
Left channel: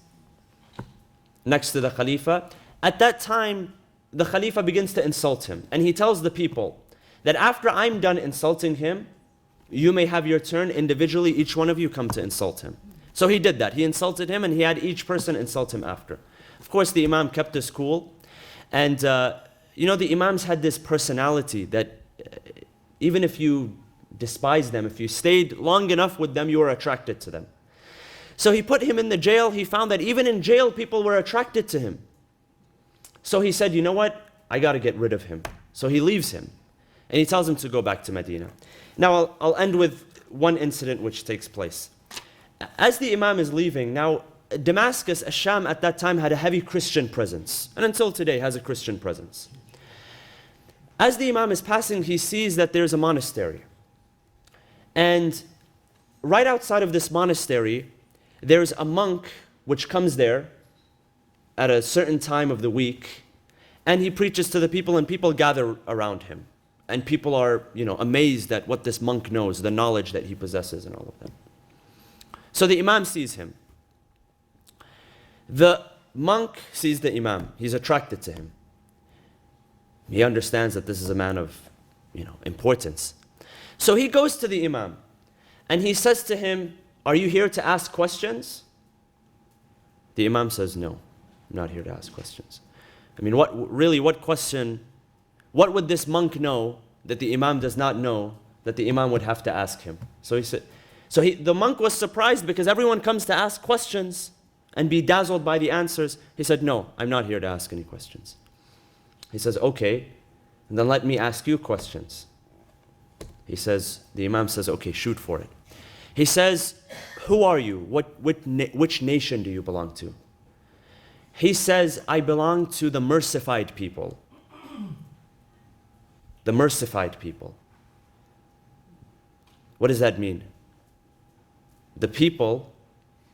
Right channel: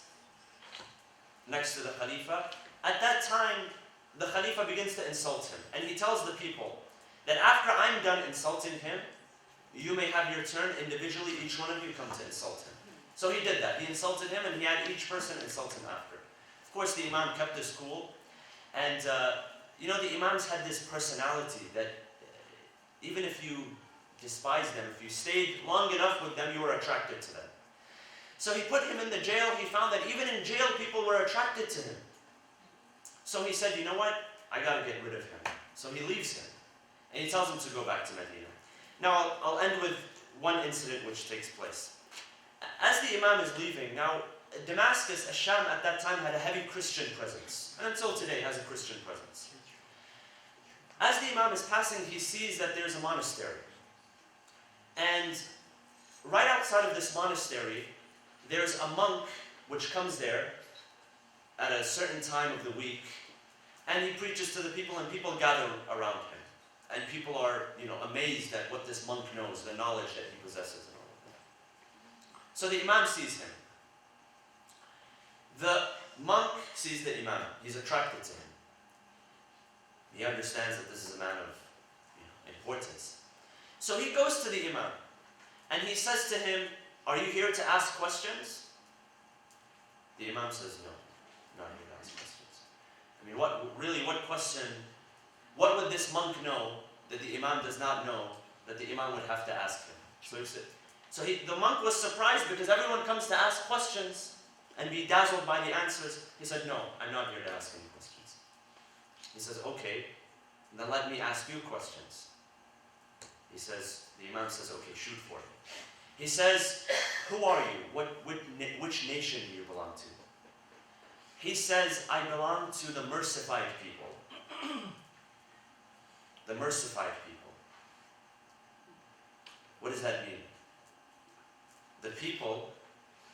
next to the Khalifa. At that time, the Khalifa begins to insult him. And he tells the people that after I'm done insulting him, you may have your turn individually, each one of you come to insult him. So he did that. He insulted him and he had each person insult him after. Of course, the Imam kept his cool. And, the Imams had this personality that even if you despise them, if you stayed long enough with them, you were attracted to them. So he put him in the jail. He found that even in jail, people were attracted to him. So he said, you know what? I got to get rid of him. So he leaves him. And he tells him to go back to Medina. Now, I'll end with one incident which takes place. As the Imam is leaving, now Damascus, Ash-Sham at that time had a heavy Christian presence. And until today has a Christian presence. As the Imam is passing, he sees that there's a monastery. And right outside of this monastery, there's a monk which comes there at a certain time of the week. And he preaches to the people and people gather around him. And people are, amazed at what this monk knows, the knowledge that he possesses and all of that. So the Imam sees him. The monk sees the Imam. He's attracted to him. He understands that this is a man of, importance. So he goes to the Imam and he says to him, are you here to ask questions? The Imam says, no, I'm not here to ask questions. What question, what would this monk know that the Imam does not know that the Imam would have to ask him? So he said, the monk was surprised because everyone comes to ask questions and be dazzled by the answers. He said, no, I'm not here to ask any questions. He says, okay, then let me ask you questions. The Imam says, okay, shoot for it. He says, who are you? Which nation do you belong to? He says, I belong to the mercified people. The mercified people. What does that mean? The people,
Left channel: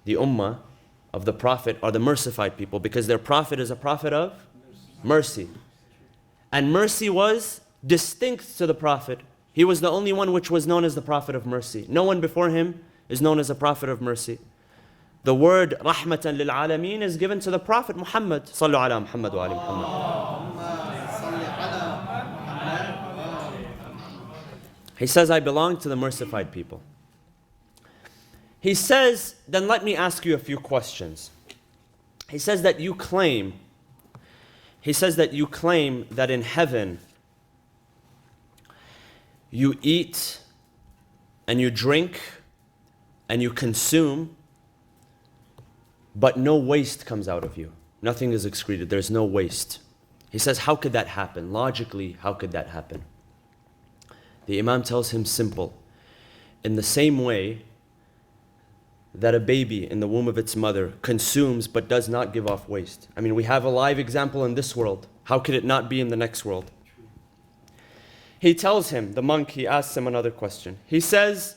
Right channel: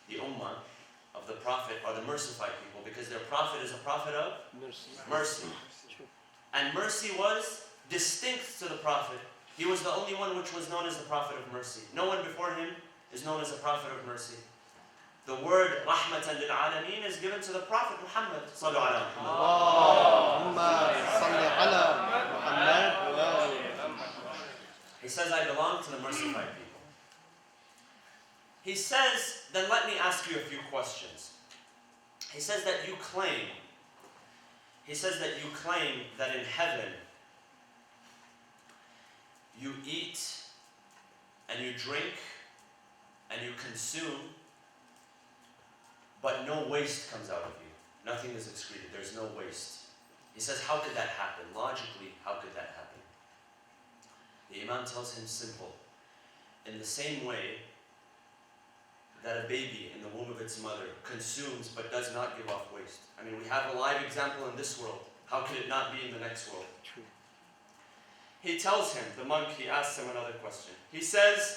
the ummah of the Prophet are the mercified people because their Prophet is a Prophet of mercy. And mercy was distinct to the Prophet. He was the only one which was known as the Prophet of mercy. No one before him is known as a Prophet of mercy. The word rahmatan lil alameen is given to the Prophet Muhammad. Sallu ala Muhammad wa ala Muhammad. He says, I belong to the mercified people. He says, then let me ask you a few questions. He says that you claim that in heaven you eat and you drink and you consume, but no waste comes out of you. Nothing is excreted. There's no waste. He says, how could that happen? Logically, how could that happen? The Imam tells him simple. In the same way that a baby in the womb of its mother consumes but does not give off waste. We have a live example in this world. How could it not be in the next world? He tells him, the monk, he asks him another question. He says,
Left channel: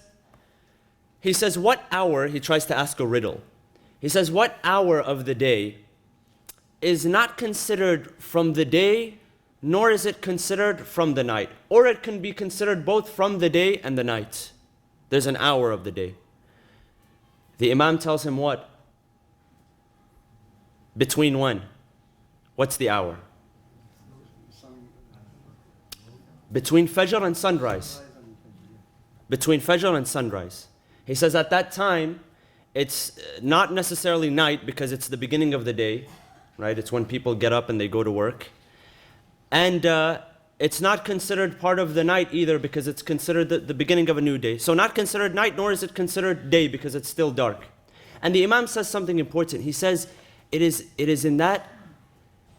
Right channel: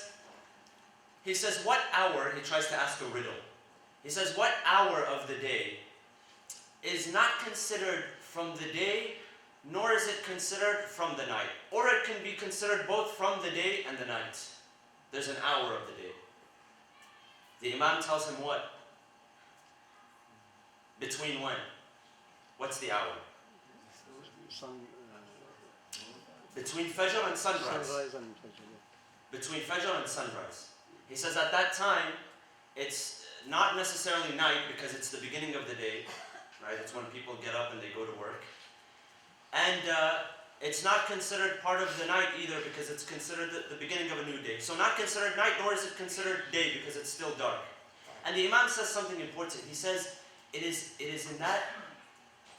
what hour, he tries to ask a riddle. He says, what hour of the day is not considered from the day, nor is it considered from the night? Or it can be considered both from the day and the night. There's an hour of the day. The Imam tells him what? Between when? What's the hour? Between Fajr and sunrise. Between Fajr and sunrise. He says at that time, it's not necessarily night because it's the beginning of the day, right? It's when people get up and they go to work. And it's not considered part of the night either because it's considered the beginning of a new day. So not considered night, nor is it considered day because it's still dark. And the Imam says something important. He says, it is in that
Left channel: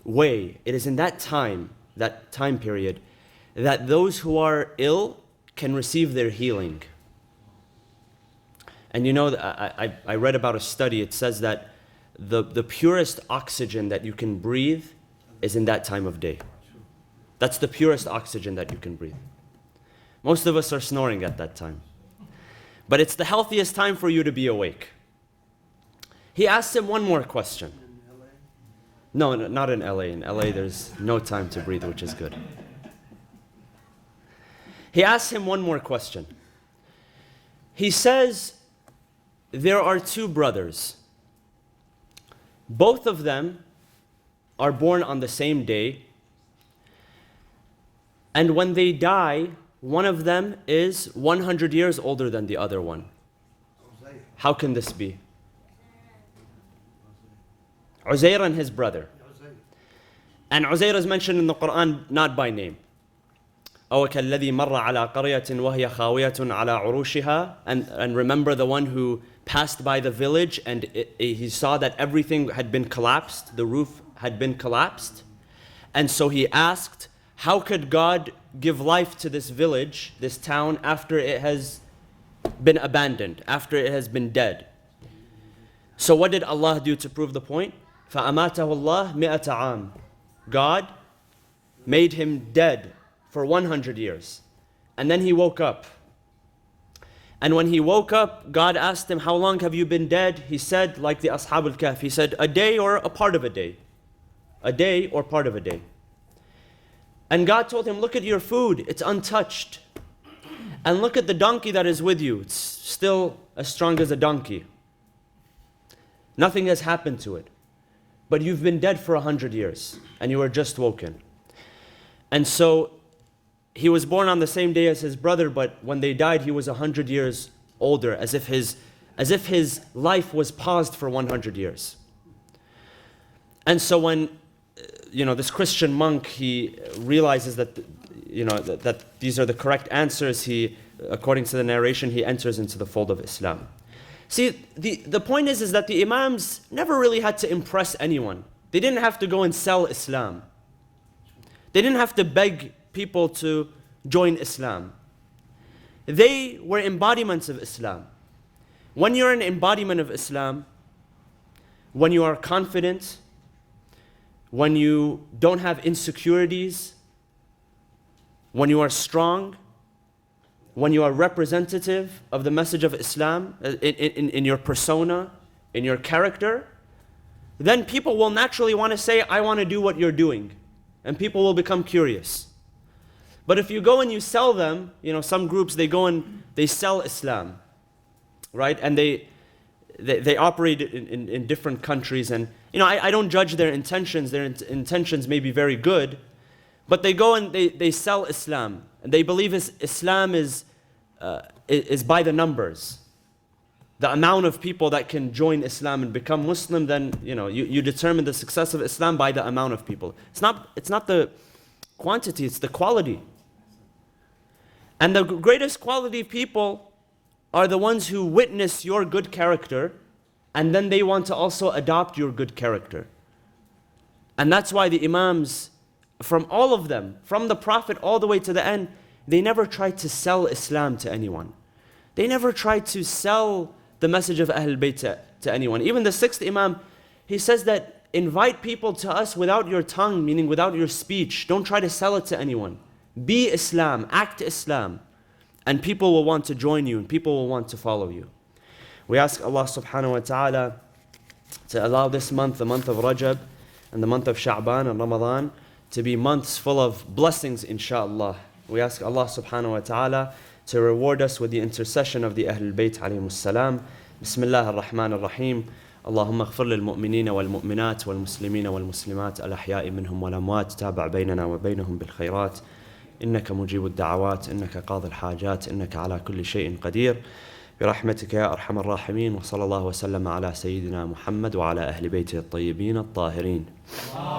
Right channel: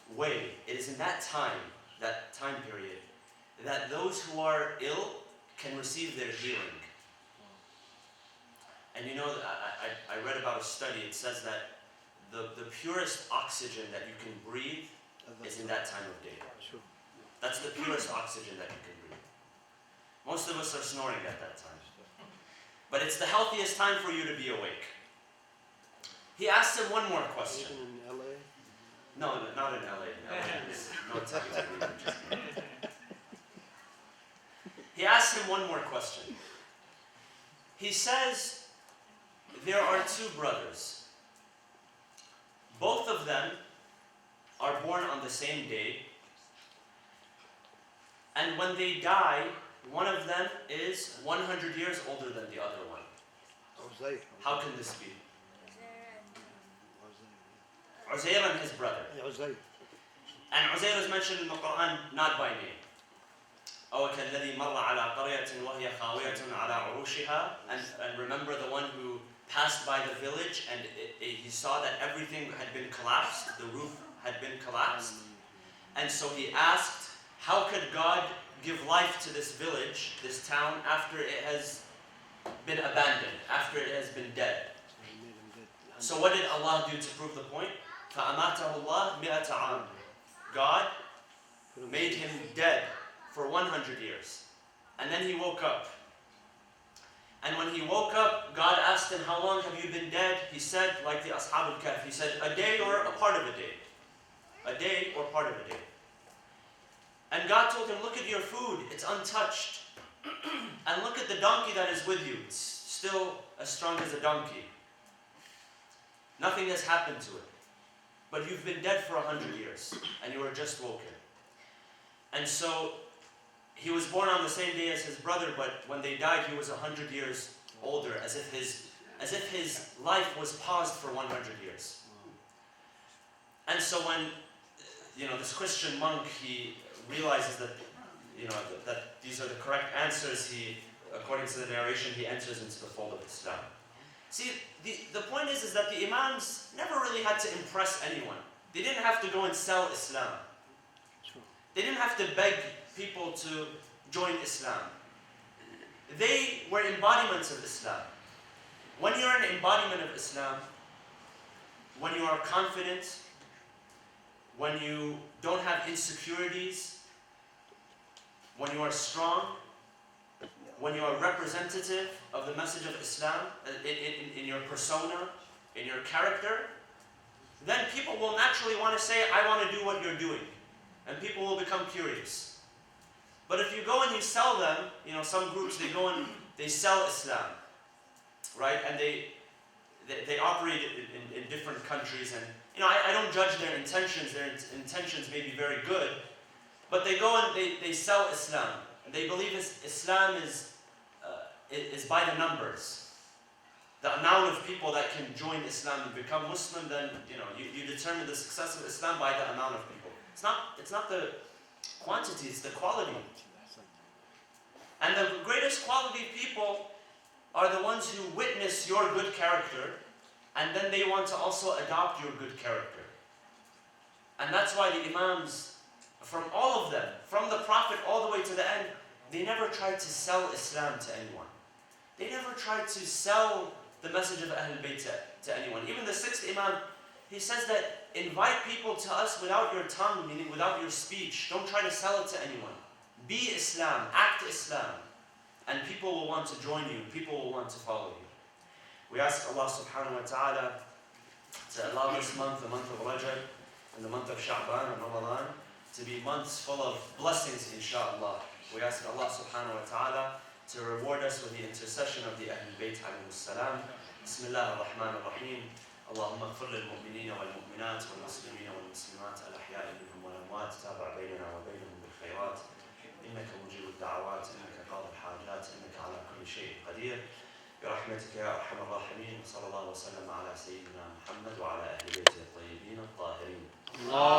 way, it is in that time period, that those who are ill can receive their healing. And you know, I read about a study, it says that the purest oxygen that you can breathe is in that time of day. That's the purest oxygen that you can breathe. Most of us are snoring at that time. But it's the healthiest time for you to be awake. He asked him one more question. No, not in LA. In LA, there's no time to breathe, which is good. He asked him one more question. He says, there are two brothers. Both of them are born on the same day. And when they die, one of them is 100 years older than the other one. How can this be? Uzair and his brother. And Uzair is mentioned in the Quran not by name. أو كالذي مر على قرية وهي خاوية على عروشها. And remember the one who passed by the village and he saw that everything had been collapsed, the roof had been collapsed. And so he asked, how could God give life to this village, this town, after it has been abandoned, after it has been dead? So what did Allah do to prove the point? فَأَمَاتَهُ اللَّهُ مِئَةَ عَامٍ. God made him dead for 100 years. And then he woke up. And when he woke up, God asked him, how long have you been dead? He said, like the Ashab al-Kahf, he said, a day or a part of a day. A day or part of a day. And God told him, look at your food, it's untouched. And look at the donkey that is with you, it's still as strong as a donkey. Nothing has happened to it. But you've been dead for 100 years, and you were just woken. And so, he was born on the same day as his brother, but when they died, he was 100 years older, as if his life was paused for 100 years. And so when this Christian monk, he realizes that, that these are the correct answers. He, according to the narration, he enters into the fold of Islam. See, the point is that the Imams never really had to impress anyone. They didn't have to go and sell Islam. They didn't have to beg people to join Islam. They were embodiments of Islam. When you're an embodiment of Islam, when you are confident, when you don't have insecurities, when you are strong, when you are representative of the message of Islam in your persona, in your character, then people will naturally want to say, I want to do what you're doing. And people will become curious. But if you go and you sell them, some groups, they go and they sell Islam, right? And they operate in different countries. And I don't judge their intentions. Their intentions may be very good. But they go and they sell Islam. And they believe Islam is by the numbers. The amount of people that can join Islam and become Muslim, then you determine the success of Islam by the amount of people. It's not the quantity, it's the quality. And the greatest quality of people are the ones who witness your good character, and then they want to also adopt your good character. And that's why the Imams, from all of them, from the Prophet all the way to the end, they never tried to sell Islam to anyone. They never tried to sell the message of Ahlul Bayt to anyone. Even the sixth Imam, he says that invite people to us without your tongue, meaning without your speech. Don't try to sell it to anyone. Be Islam, act Islam, and people will want to join you, and people will want to follow you. We ask Allah subhanahu wa ta'ala to allow this month, the month of Rajab, and the month of Sha'ban and Ramadan, to be months full of blessings, inshaAllah. We ask Allah subhanahu wa ta'ala to reward us with the intercession of the Ahlul Bayt alayhimus salam. Bismillah ar-Rahman ar-Rahim. اللهم اغفر للمؤمنين والمؤمنات والمسلمين والمسلمات الأحياء منهم والأموات تابع بيننا وبينهم بالخيرات إنك مجيب الدعوات إنك قاضي الحاجات إنك على كل شيء قدير برحمتك يا أرحم الراحمين وصلى الله وسلم على سيدنا محمد وعلى أهل بيته الطيبين الطاهرين.